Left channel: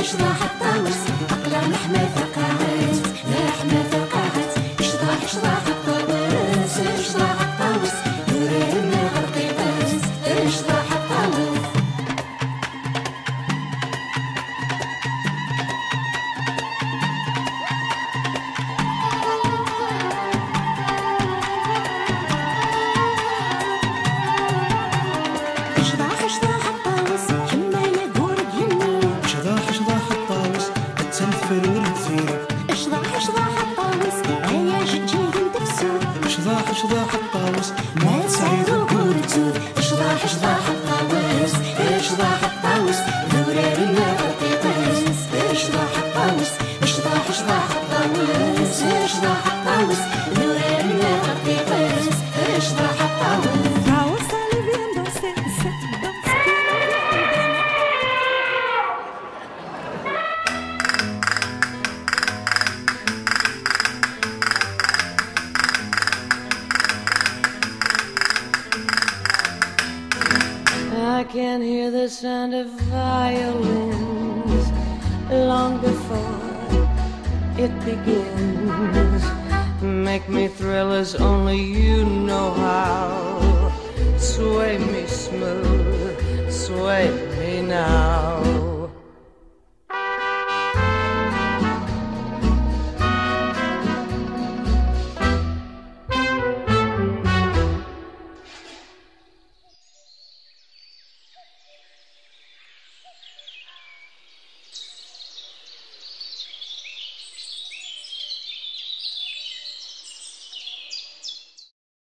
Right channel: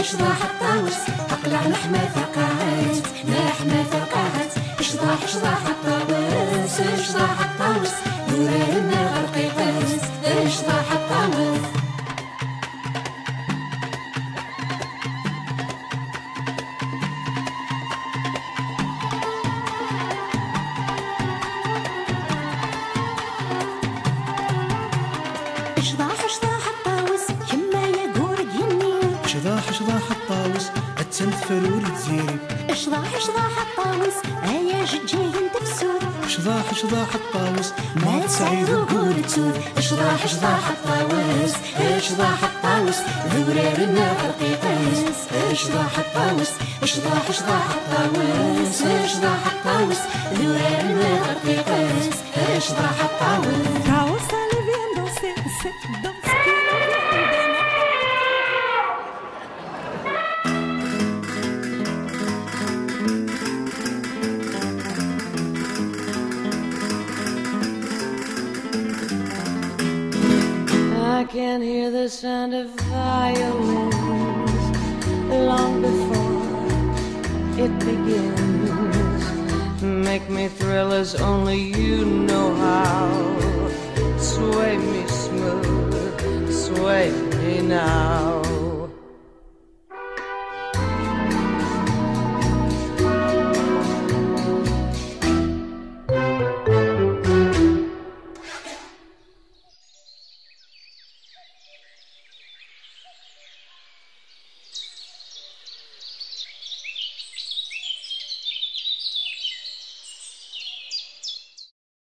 اشضاح الطاوس اقلع لحمة ثقعت لحمة ثقعت اشضاح الطاوس اشضاح الطاوس يوري من غرقي غاز اشضاح الطاوس اشضاح الطاوس كما يقول يني اشضاح الطاوس التنفرول تزيرب اشضاح الطاوس ايا جيجي تفسود اشضاح الطاوس ما تسعيد وقول تسود اشضاح الطاوس اشضاح الطاوس ذورار النار قيقاس اشضاح الطاوس اشضاح الطاوس اشضاح الطاوس ذورار النار قيقاس اشضاح الطاوس طاوس اللي vient danser cette danse qui nous vient des mains. I can hear the sound of violins long before it begins. Make me thrill as only you know how. Sway me smooth, sway me now.